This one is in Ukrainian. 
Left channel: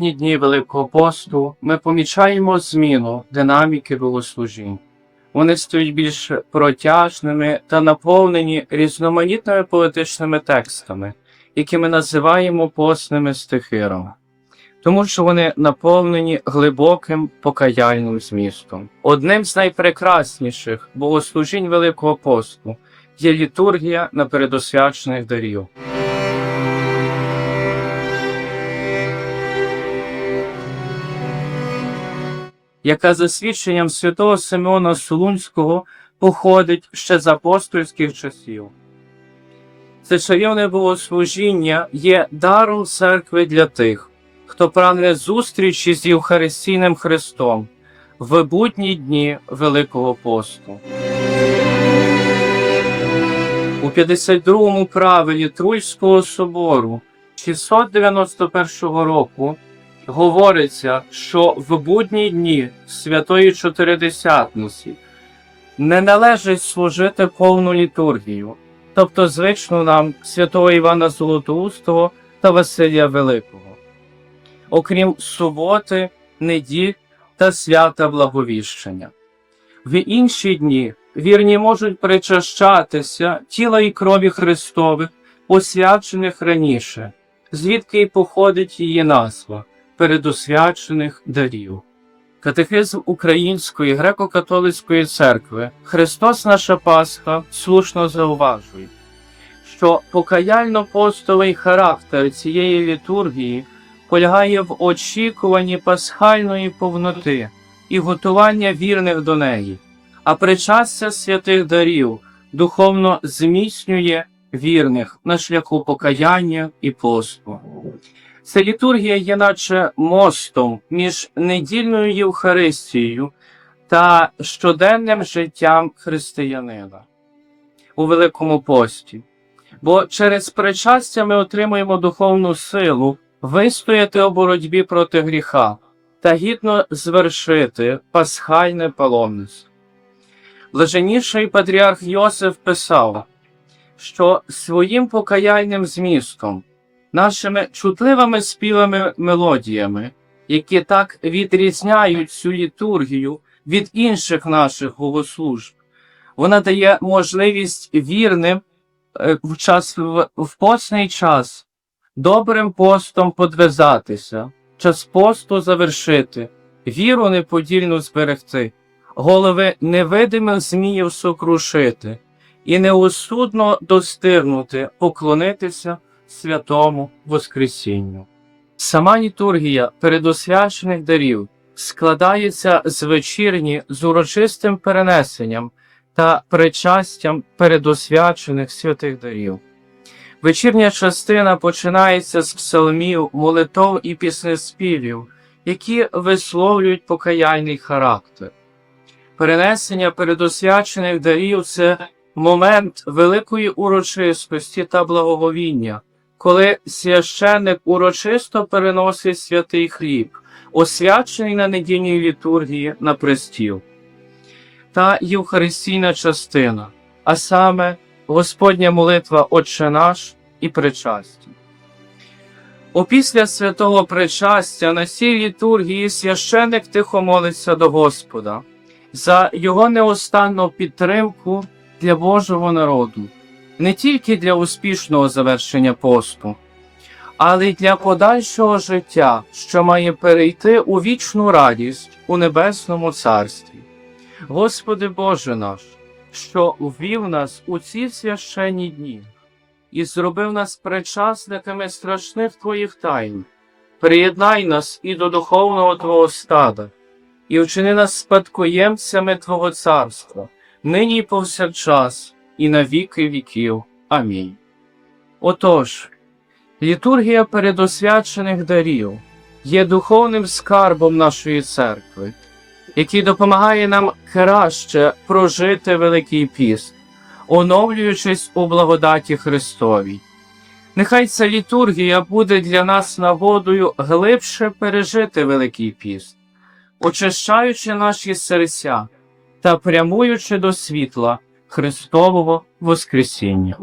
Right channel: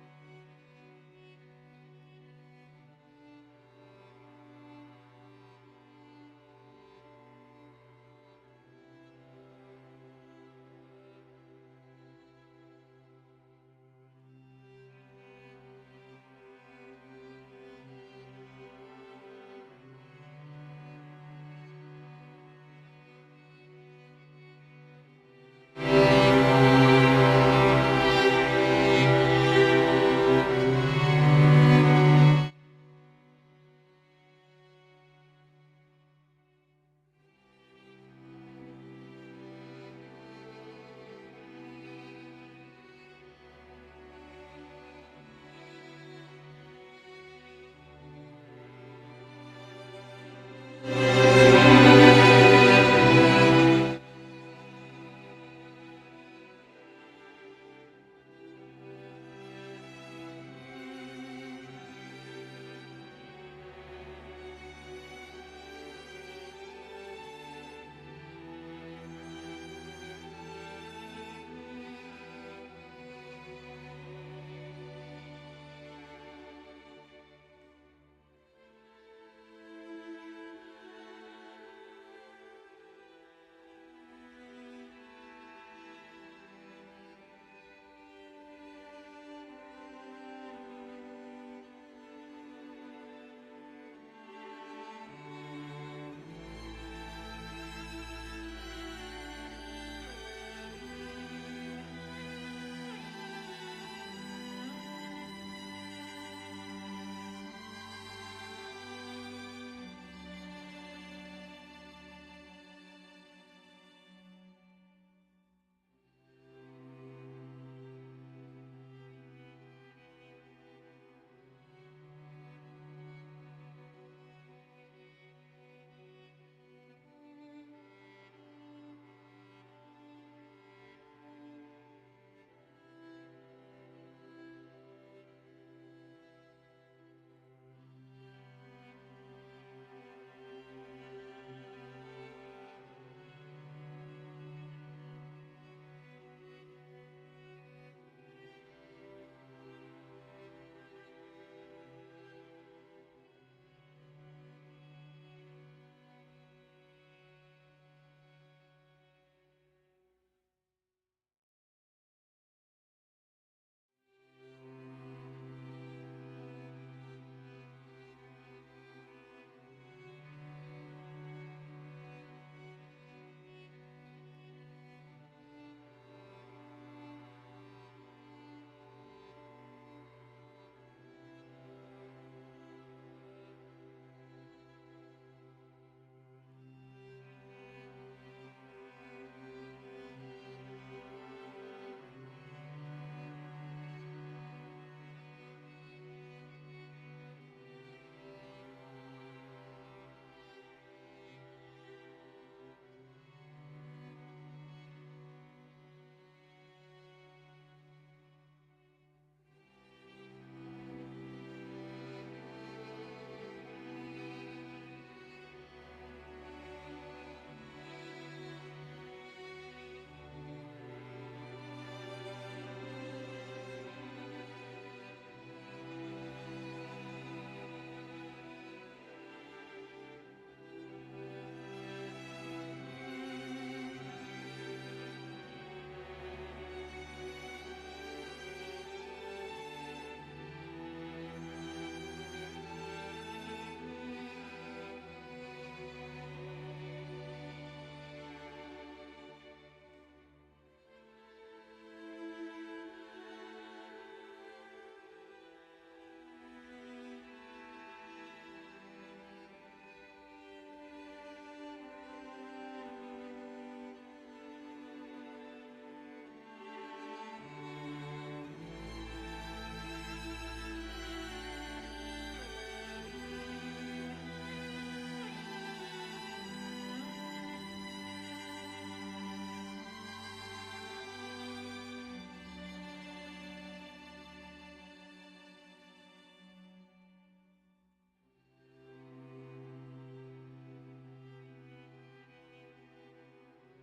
будні дні Великого посту ми помічаємо зміну динаміки богослужінь. Вони стають більш протяжними та наповнені різноманітними поетичними текстами, які ми називаємо постними стихирами, тому що вони наповнені глибоким покаяльним змістом. Одним з найпрекрасніших богослужінь Великого посту є літургія напередосвячених дарів. Яка за свідченням святого Симеона Солунського походить ще з апостольських часів. Це чарівне богослужіння є даром церкви для тих, хто прагне зустрічі з Євхаристійним Христом в будні дні Великого посту. У 52-му правилі Труйського собору 691 року говориться, що в будні дні Святої Чотиридесятниці не належить служити повну літургію, тобто звичну нам святого Івана Золотоустого та Василія Великого, окрім суботи, неділь та свята Благовіщення. В інші дні вірні можуть причащатися тіла і крові Христових, освячених раніше, звідки й походить її назва передосвячених дарів. Катехизм Української греко-католицької церкви Христос наша Пасха слушно зауважує, що покаяльно-постовий характер цієї літургії полягає в очікуванні пасхальної повноти і готування вірних до неї, а причастя святих дарів духовно зміцнює вірних на шляху покаяння і посту. Ця літургія є наче мостом між недільною Євхаристією та щоденним життям християнина у Великому пості. Бо через причастя ми отримуємо духовну силу вистояти у боротьбі проти гріха та гідно звершити пасхальне паломництво. Блаженніший патріарх Йосиф писав, що своїм покаяльним змістом нашими чутливими співами мелодіями, які так відрізняють цю літургію від інших наших богослужб. Вона дає можливість вірним е, в час в, постний час добрим постом подвизатися, час посту завершити, віру неподільну зберегти, голови невидимих зміїв сокрушити і неосудно достигнути, поклонитися святому Воскресінню. Сама літургія передосвячених дарів складається з вечірні з урочистим перенесенням та причастям передосвячених святих дарів. Вечірня частина починається з псалмів, молитов і піснеспівів, які висловлюють покаянний характер. Перенесення передосвячених дарів це момент великої урочистості та благоговіння, коли священник урочисто переносить святий хліб, освячений на недільній літургії на престіл, та Євхаристійна частина, а саме Господня молитва Отче наш і причастя. Опісля святого причастя на цій літургії священник тихо молиться до Господа за його неостанну підтримку для Божого народу не тільки для успішного завершення посту, але й для подальшого життя, що має перейти у вічну радість у Небесному Царстві. Господи Боже наш, що ввів нас у ці священні дні і зробив нас причасниками страшних Твоїх тайн, приєднай нас і до духовного Твого стада, і вчини нас спадкоємцями Твого царства, нині і повсякчас і на віки віків. Амінь. Отож, літургія передосвячених дарів є духовним скарбом нашої церкви, який допомагає нам краще прожити Великий піст, оновлюючись у благодаті Христовій. Нехай ця літургія буде для нас нагодою глибше пережити Великий піст, очищаючи наші серця та прямуючи до світла. Христового Воскресіння.